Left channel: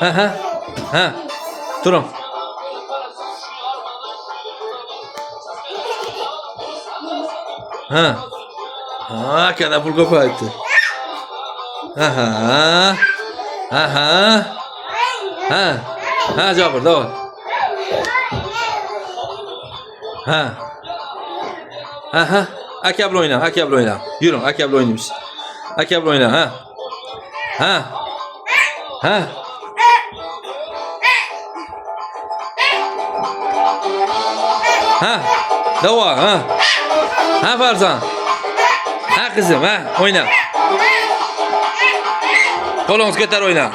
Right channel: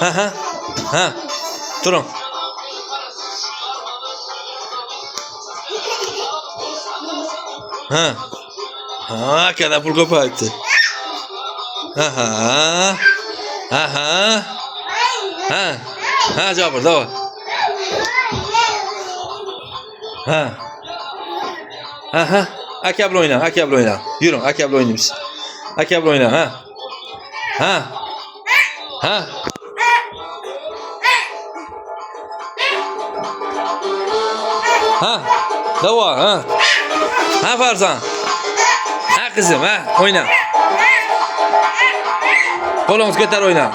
Ha ha. Ha. Durun. Ha. Ha, kada pul ko'payibdi. Ha ha. Ha ha. Ha. Ha, Jabir, davay. Ha. Ha ha. Aka bilan o'yna, aka bilan o'yna. Yuring, aka bilan o'ynaymiz. Aka bilan o'yna, ha. Ha. Ha. Ha. Davay, ha. Ha Farzan. Ha qizim, ha, o'yna. Qo'lingiz ko'tar o'yna.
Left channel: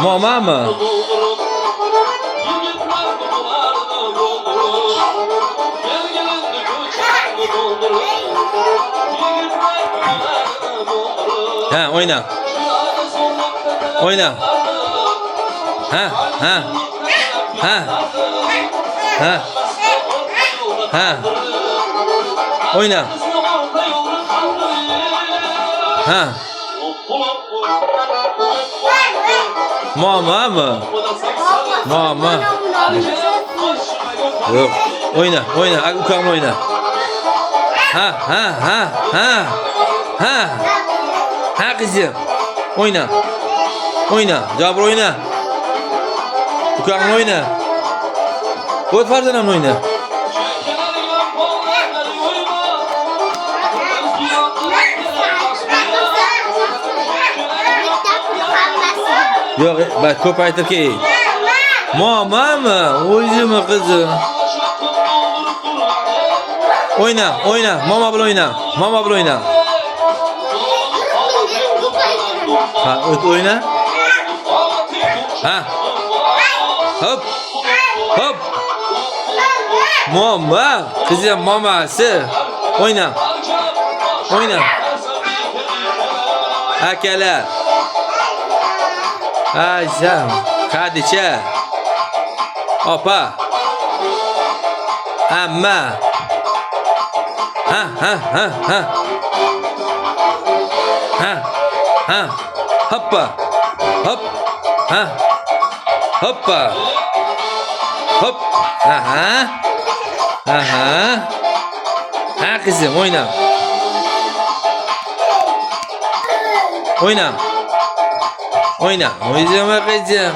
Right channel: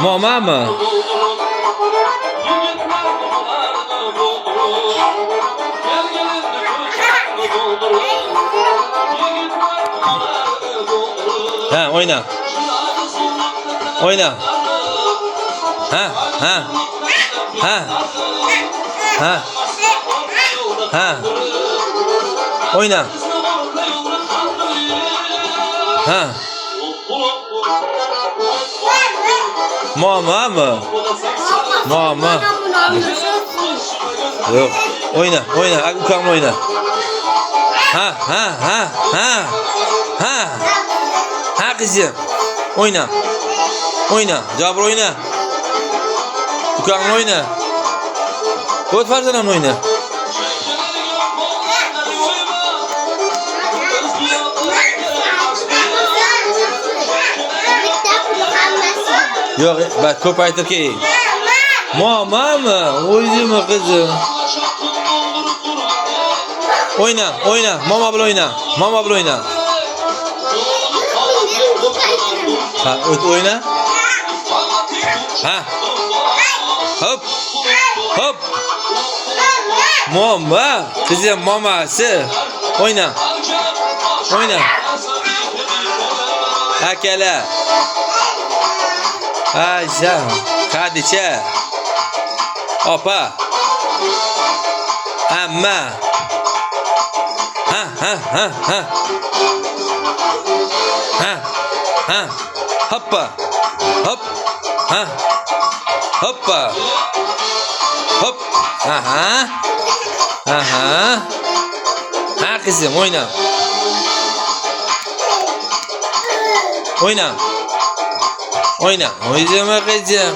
Momami? Ha, o'yna. O'yna. Ha, ha. Ha. Ha. Ha. O'yna. Ha. Momami? Mama. Yo'q. O'yna, o'yna, ukam o'yna. Ha, ha, ha, ha. Ha. Ha qizim. O'yna. O'yna, Jabir o'yna. Ukam o'yna. O't Farzanam o'yna. Yo'q, bak ko'paytirki. Momami, o'zimi qizim. O'yna, o'yna, mama bilan o'yna. Mama bilan o'yna. Ha, o't o'yna. Ha. Hop. Hop. Mama, qizim mamasi. O'yna. O'yna. Akalar. Ajam, Khadicha. Opa. Amma. Ha, ha, ha, ha. Ha. Ha. Hoppa. Hop. Ha. Hoppa. Hop. Aha. Aha. Ha qizim, o'yna. O'yna. O'yna. O'zim qizim.